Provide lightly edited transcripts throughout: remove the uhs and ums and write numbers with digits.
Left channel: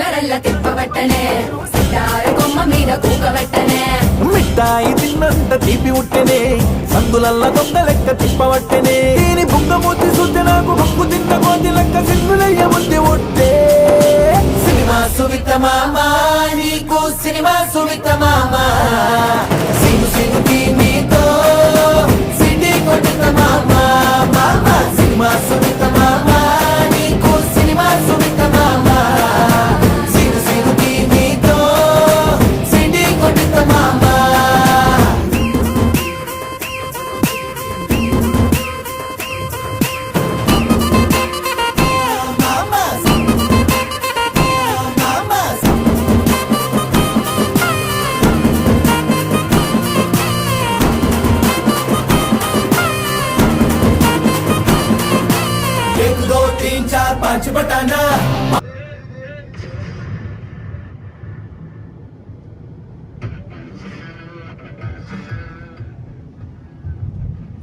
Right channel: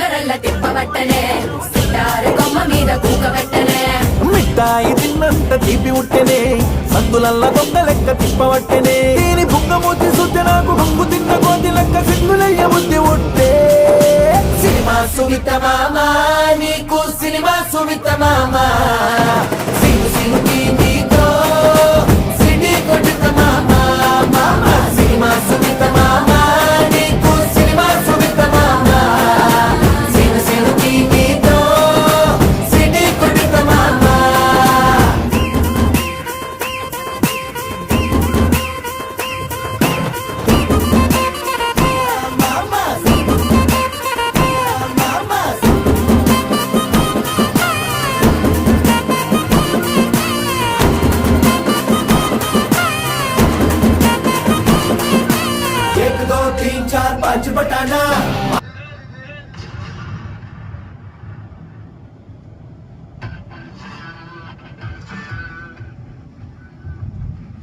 ఉంగరల్ల తిప్పబట్టనే సితారు కొమ్మ మీద కూకబెట్టనే మిఠాయి తిన్నంత తీపి ఉట్టెనే సందులల్ల దొంగ లెక్క తిప్పవట్టెనే దీని బుంగమూతి శుద్ధ నాకు బొంగు తిన్న కోతి లెక్క సింగులయ్య బుద్ధి ఉట్టే సినిమా సువిత మామా నీకు సినిమా సువిత మామా సింగు సింగు నీతో సిటీ కొట్టిన మామా మామా సినిమా సువిత మామా నీకు సినిమా సువిత మామా సింగు సింగు నీతో సిటీ కొట్టిన మామా एक दो तीन चार पाँच बटाना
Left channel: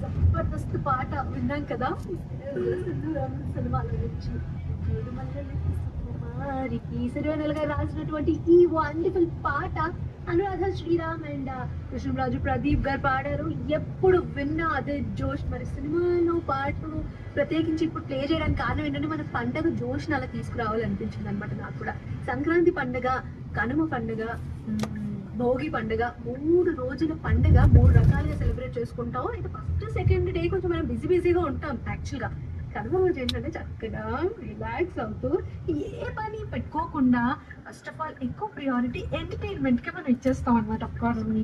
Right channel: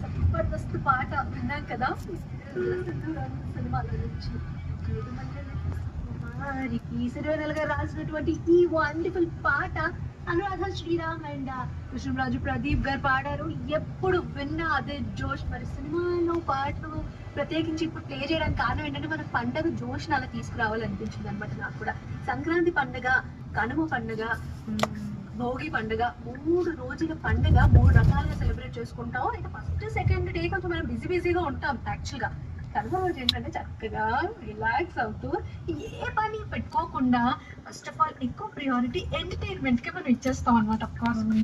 జబర్దస్త్ పాట విన్నాం కదా సినిమాలో నుంచి సిరివెన్నెల గారు రాసినటువంటి ఈ వండర్ఫుల్ పాట అనురాధ శ్రీరామ్ అండ్ కృష్ణరాజు ప్రదీప్ గారు పాడారు. ఎప్పుడు విన్నా అదే జోష్. మరి సినిమాలో పాటలు ప్రత్యేకించి ఇప్పుడు ప్లే చేయడానికి కారణం ఏంటంటే మన పండగ జోష్ని అలా తీసుకురావాలనిపించింది అనమాట నాకు కూడా. సంక్రాంతి పండుగ, కనుమ పండుగ, భోగి పండుగ, 3 రోజుల పండుగ 3 రకాలుగా సెలబ్రేట్ చేసుకుంటాం. అయితే ఫస్ట్ సెకండ్ డే కొంచెం మనం బిజీగా ఉంటాం యాక్చువల్గా. కనుమ రోజు ఏంటంటే చక్కగా రిలాక్స్ అవుతూ ఏ పని పెట్టుకోకుండా ఫస్ట్ ఆఫ్ ఆల్ ఎక్కువ ప్రియారిటీ ఎంటర్టైన్మెంట్ కి మనం ఇచ్చేస్తాం అనమాట.